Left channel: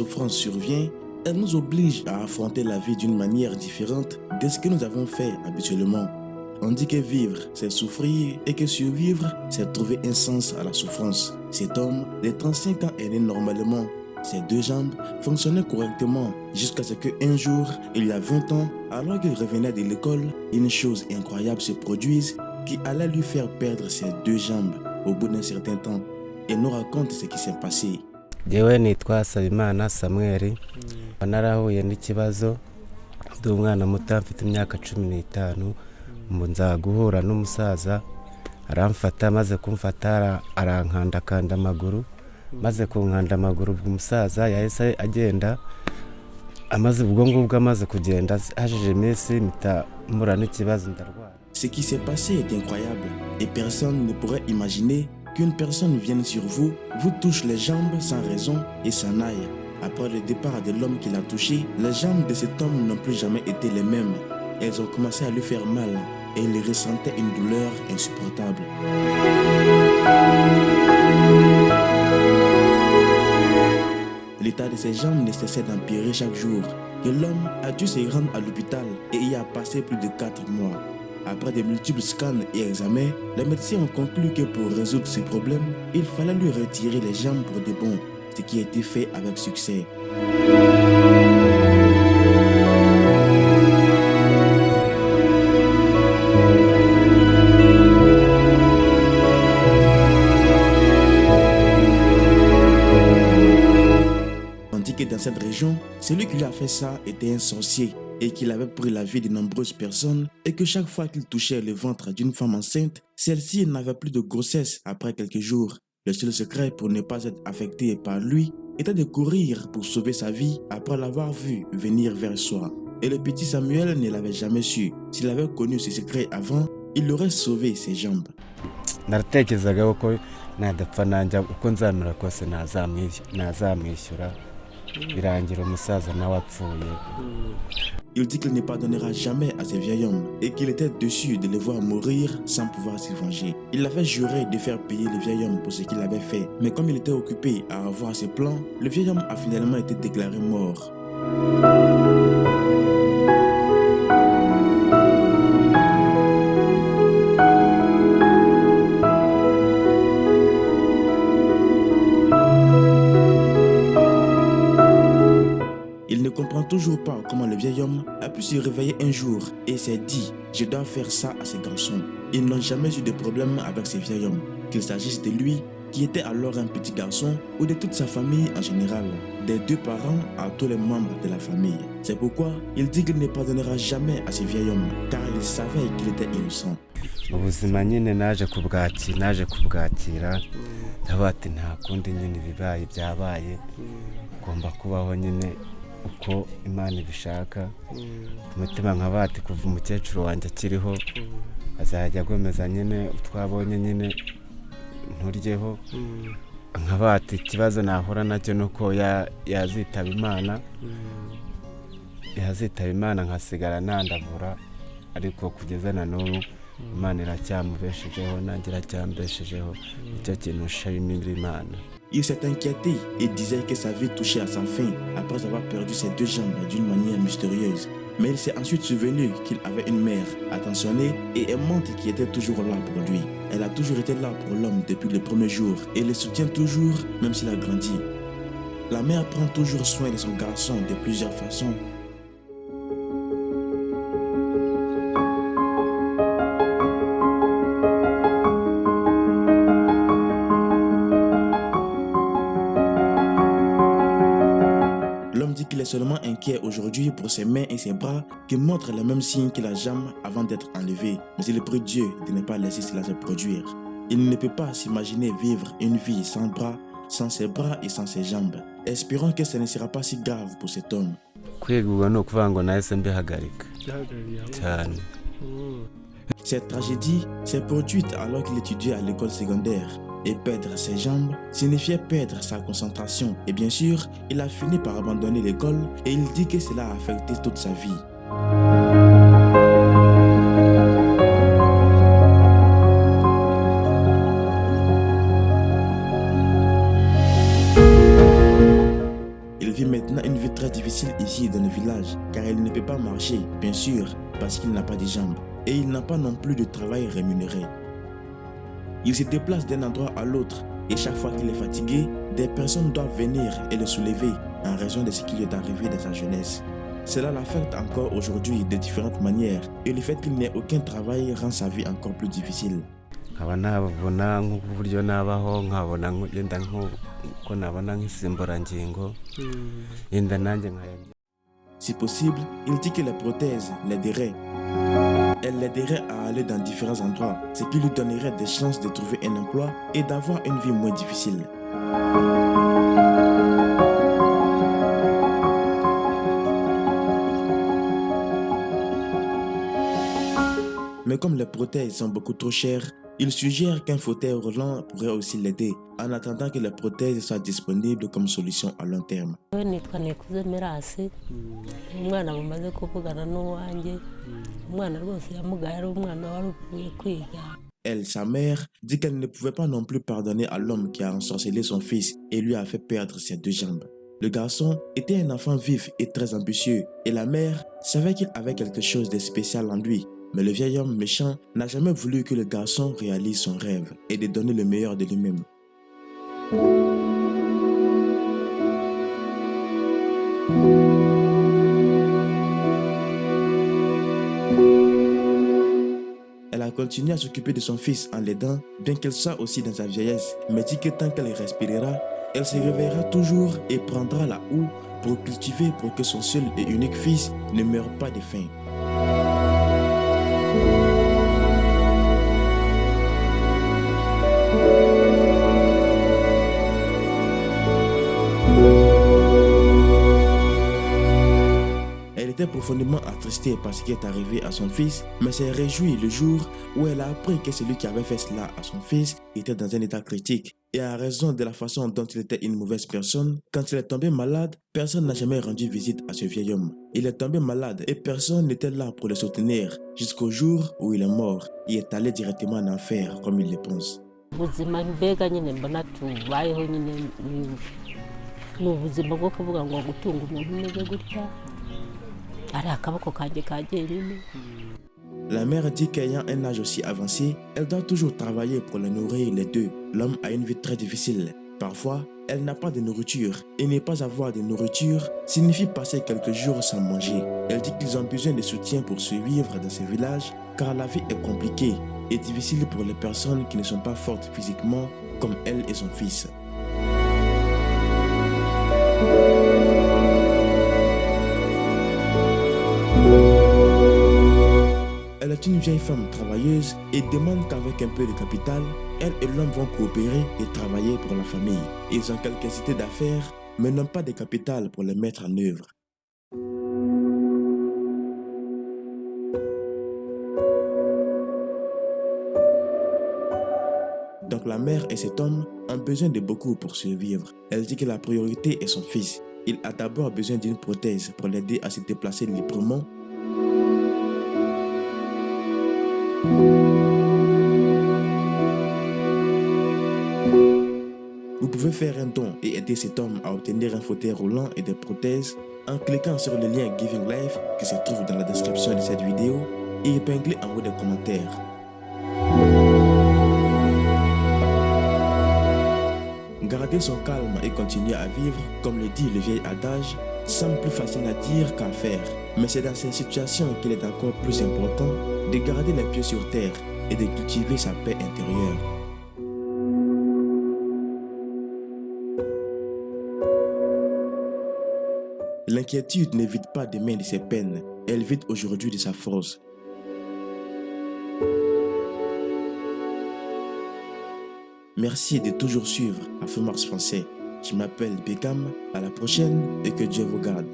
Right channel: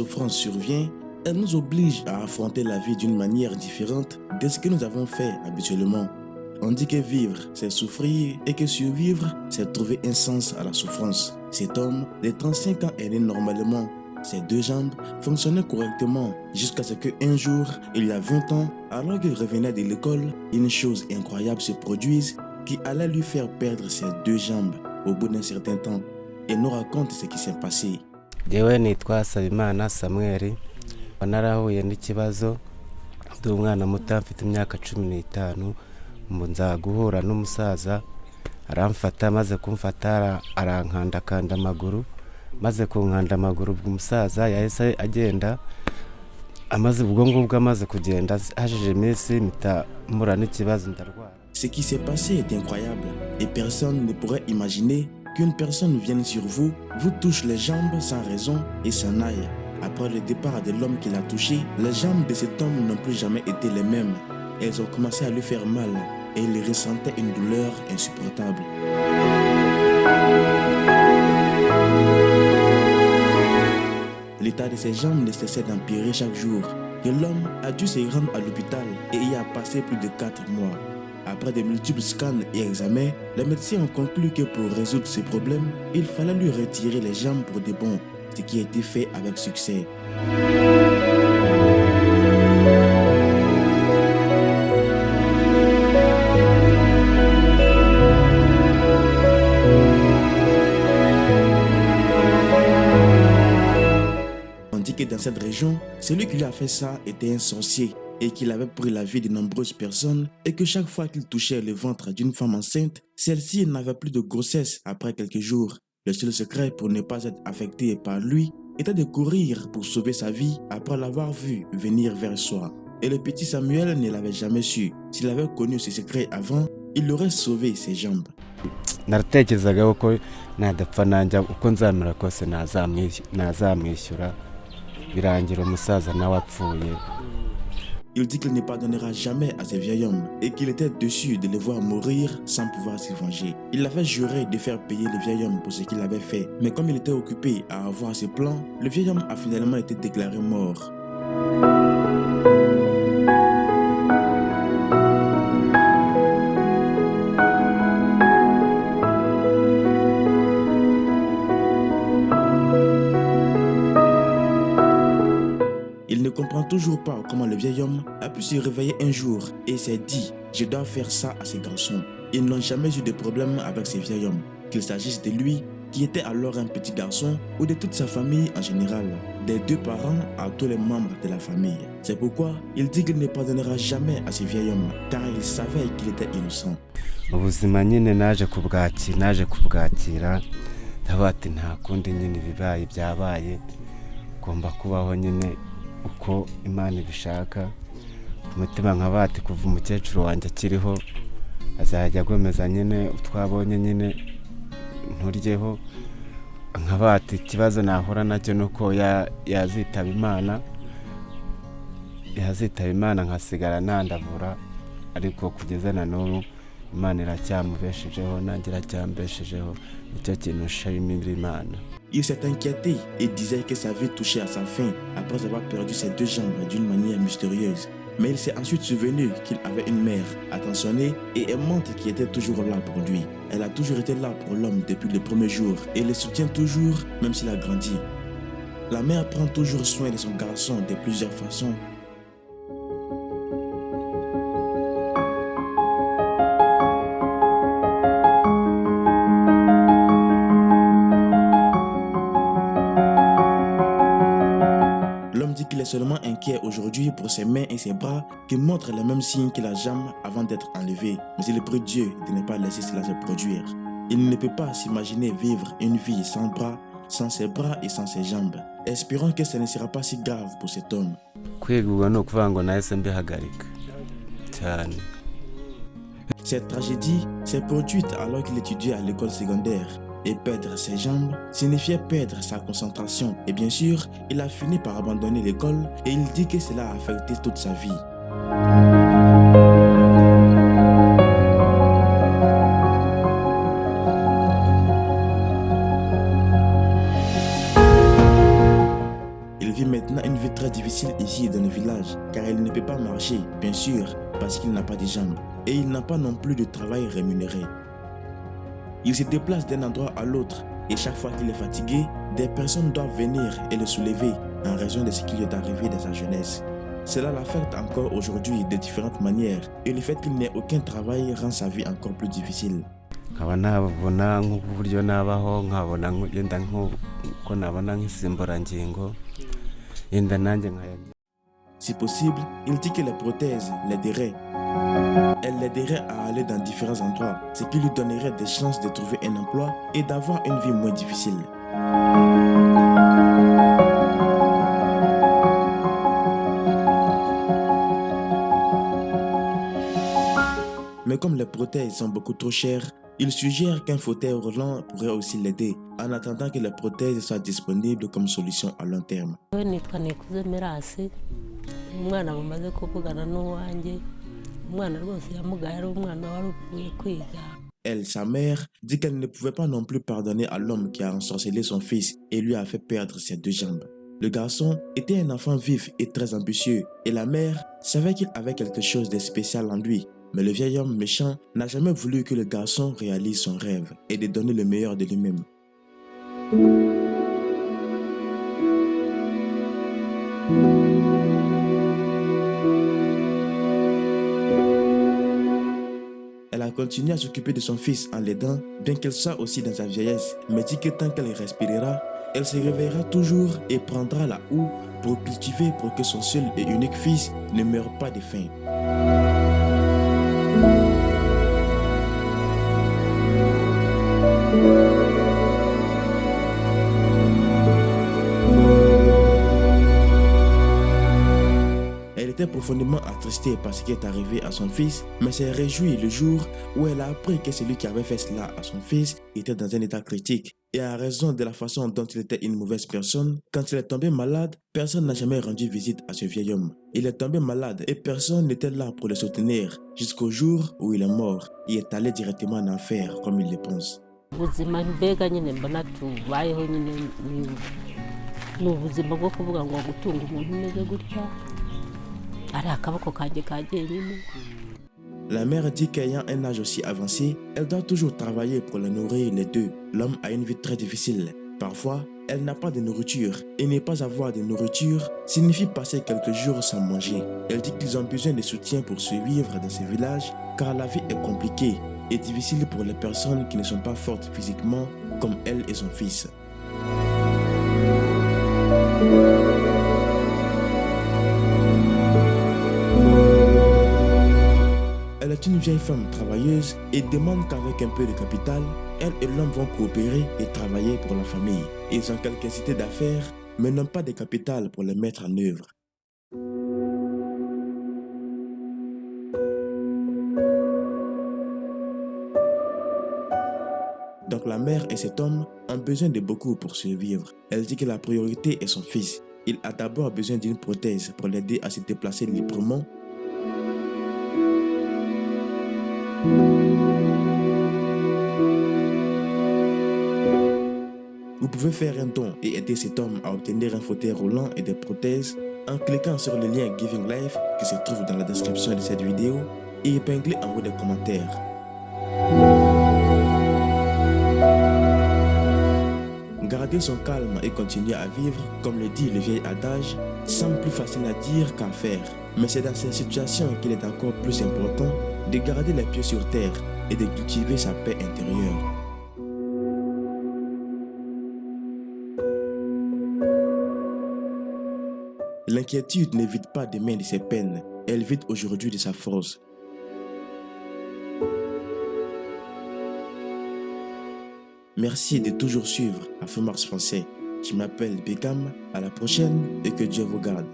souffrance survient, elle nous oblige à affronter la vie d'une manière différente de ce que nous avons fait habituellement. On dit que vivre, c'est souffrir et que survivre, c'est trouver un sens à la souffrance. Cet homme, de 35 ans, est né normalement. Ses deux jambes fonctionnaient correctement jusqu'à ce qu'un jour, il y a 20 ans, alors qu'il revenait de l'école, une chose incroyable se produise qui allait lui faire perdre ses deux jambes au bout d'un certain temps. Il nous raconte ce qui s'est passé. Jewe nitwa Sabimana Samuel, narahuye n'ikibazo ndi umwana muto mfite imyaka 15, nza guhura n'umusaza aramfata, maze kumfata arankandakanda amaguru, maze kunkanda amaguru umusaza yahise agenda, amaze ubwo ngubwo amaze kugenda hajije iminsi mpita mpura n'ikibazo ndarwara. Ce qui s'est passé est incroyable et personne ne pourrait imaginer qu'une personne vienne sur vous, vous touche les jambes sans raison et s'en aille. Après le départ de l'homme qui l'a touché, les jambes de cet homme n'ont plus jamais été les mêmes. Elles ont commencé à lui faire mal et il ressentait une douleur insupportable. L'état de ses jambes ne cessait d'empirer chaque jour, que l'homme a dû se rendre à l'hôpital et y a passé plus de 4 mois. Après de multiples scans et examens, les médecins ont conclu que pour résoudre ces problèmes, il fallait lui retirer les jambes pour de bon, ce qui a été fait avec succès. On dit que dans cette région, celui qui lui a fait ça était un sorcier et qu'il avait pris la vie de nombreuses personnes et que chaque fois qu'il touchait le ventre d'une femme enceinte, celle-ci n'avait plus de grossesse après quelques jours. Le seul secret pour ne pas être affecté par lui était de courir pour sauver sa vie après l'avoir vu venir vers soi. Et le petit Samuel ne l'avait jamais su. S'il avait connu ce secret avant, il aurait sauvé ses jambes. Naratekerezaga ko nadapfa nanja uko nzamera kose nazamwishyura birangira umusaza nawe apfuye. Il dit qu'il ne pardonnera jamais à ce vieil homme et qu'il était déçu de le voir mourir sans pouvoir s'y venger. Il avait juré de faire payer le vieil homme pour ce qu'il avait fait. Mais comme il était occupé à avoir ses plans, le vieil homme a finalement été déclaré mort. Il ne comprend toujours pas comment le vieil homme a pu se réveiller un jour et s'est dit « Je dois faire ça à ces garçons ». Ils n'ont jamais eu de problème avec ce vieil homme, qu'il s'agisse de lui, qui était alors un petit garçon, ou de toute sa famille en général, des deux parents à tous les membres de la famille. C'est pourquoi il dit qu'il ne pardonnera jamais à ce vieil homme, car il savait qu'il était innocent. Ubuzima nyine naje kubwakira ndavuga ati nta kundi nyine bibaye byabaye, ngomba kubaho nyine uko Imana ibishaka. Umutima nkabati kuva umukecuru wanjye akiriho azajya agomeza nyine utwabonye nyine nturyeho, nkabati ikibazo nahura nacyo nuko yazitaba Imana nkasigara nandavura, ariko kugeza na n'ubu Imana iracyamubeshejeho nanjye iracyambeshejeho, nicyo kintu nshimira Imana. Il s'est inquiété et disait que sa vie touchait à sa fin après avoir perdu ses deux jambes d'une manière mystérieuse. Mais il s'est ensuite souvenu qu'il avait une mère attentionnée et aimante qui était toujours là pour lui. Elle a toujours été là pour l'homme depuis le premier jour et le soutient toujours même s'il a grandi. La mère prend toujours soin de son garçon de plusieurs façons. L'homme dit qu'il est seulement inquiet aujourd'hui pour ses mains et ses bras qui montrent les mêmes signes que la jambe avant d'être enlevé. Mais il prie Dieu de ne pas laisser cela se produire. Il ne peut pas s'imaginer vivre une vie sans bras, sans ses bras et sans ses jambes. Espérons que ce ne sera pas si grave pour cet homme. Cette tragédie s'est produite alors qu'il étudiait à l'école secondaire. Et perdre ses jambes signifiait perdre sa concentration. Et bien sûr, il a fini par abandonner l'école et il dit que cela a affecté toute sa vie. Il vit difficile ici dans le village car il ne peut pas marcher, bien sûr, parce qu'il n'a pas de jambes et il n'a pas non plus de travail rémunéré. Il se déplace d'un endroit à l'autre et chaque fois qu'il est fatigué, des personnes doivent venir et le soulever en raison de ce qui lui est arrivé dans sa jeunesse. Cela l'affecte encore aujourd'hui de différentes manières et le fait qu'il n'ait aucun travail rend sa vie encore plus difficile. nkaba nabona nk'uburyo nabaho nkabona yenda nk'uko nabona nk'insimburangingo yenda nanjye nkayarya. Si possible, il dit que les prothèses l'aideraient. Elle l'aiderait à aller dans différents endroits, ce qui lui donnerait des chances de trouver un emploi et d'avoir une vie moins difficile. Mais comme les prothèses sont beaucoup trop chères, il suggère qu'un fauteuil roulant pourrait aussi l'aider, en attendant que les prothèses soient disponibles comme solution à long terme. Elle, sa mère, dit qu'elle ne pouvait pas non plus pardonner à l'homme qui a ensorcelé son fils et lui a fait perdre ses 2 jambes. Le garçon était un enfant vif et très ambitieux, et la mère savait qu'il avait quelque chose de spécial en lui. Mais le vieil homme méchant n'a jamais voulu que le garçon réalise son rêve et de donner le meilleur de lui-même. Elle a continué à s'occuper de son fils en l'aidant, bien qu'elle soit aussi dans sa vieillesse, mais dit que tant qu'elle respirera, elle se réveillera toujours et prendra la houe pour cultiver pour que son seul et unique fils ne meure pas de faim. Elle était profondément attristée par ce qui est arrivé à son fils, mais s'est réjouie le jour où elle a appris que celui qui avait fait cela à son fils était dans un état critique. Et à raison de la façon dont il était une mauvaise personne, quand il est tombé malade, personne n'a jamais rendu visite à ce vieil homme. Il est tombé malade et personne n'était là pour le soutenir jusqu'au jour où il est mort et est allé directement en enfer comme il le pense. La mère dit qu'ayant un âge aussi avancé, elle doit toujours travailler pour les nourrir les deux. L'homme a une vie très difficile. Parfois, elle n'a pas de nourriture et ne pas avoir de nourriture signifie passer quelques jours sans manger. Elle dit qu'ils ont besoin de soutien pour survivre dans ce village car la vie est compliquée et difficile pour les personnes qui ne sont pas fortes physiquement comme elle et son fils. Elle est une vieille femme travailleuse et demande qu'avec un peu de capital, elle et l'homme vont coopérer et travailler pour la famille. Ils ont quelques idées d'affaires, mais n'ont pas de capital pour les mettre en œuvre. Donc la mère et cet homme ont besoin de beaucoup pour survivre. Elle dit que la priorité est son fils. Il a d'abord besoin d'une prothèse pour l'aider à se déplacer librement. Vous pouvez faire un don et aider cet homme à obtenir un fauteuil roulant et des prothèses en cliquant sur le lien Giving Life qui se trouve dans la description de cette vidéo et épinglé en haut des commentaires. Garder son calme et continuer à vivre, comme le dit le vieil adage, semble plus facile à dire qu'à faire. Mais c'est dans ces situations qu'il est encore plus important de garder les pieds sur terre et de cultiver sa paix intérieure. L'inquiétude ne vide pas demain de ses peines, elle vide aujourd'hui de sa force. Merci de toujours suivre Afro-Mars Français. Je m'appelle Beckham, à la prochaine et que Dieu vous garde.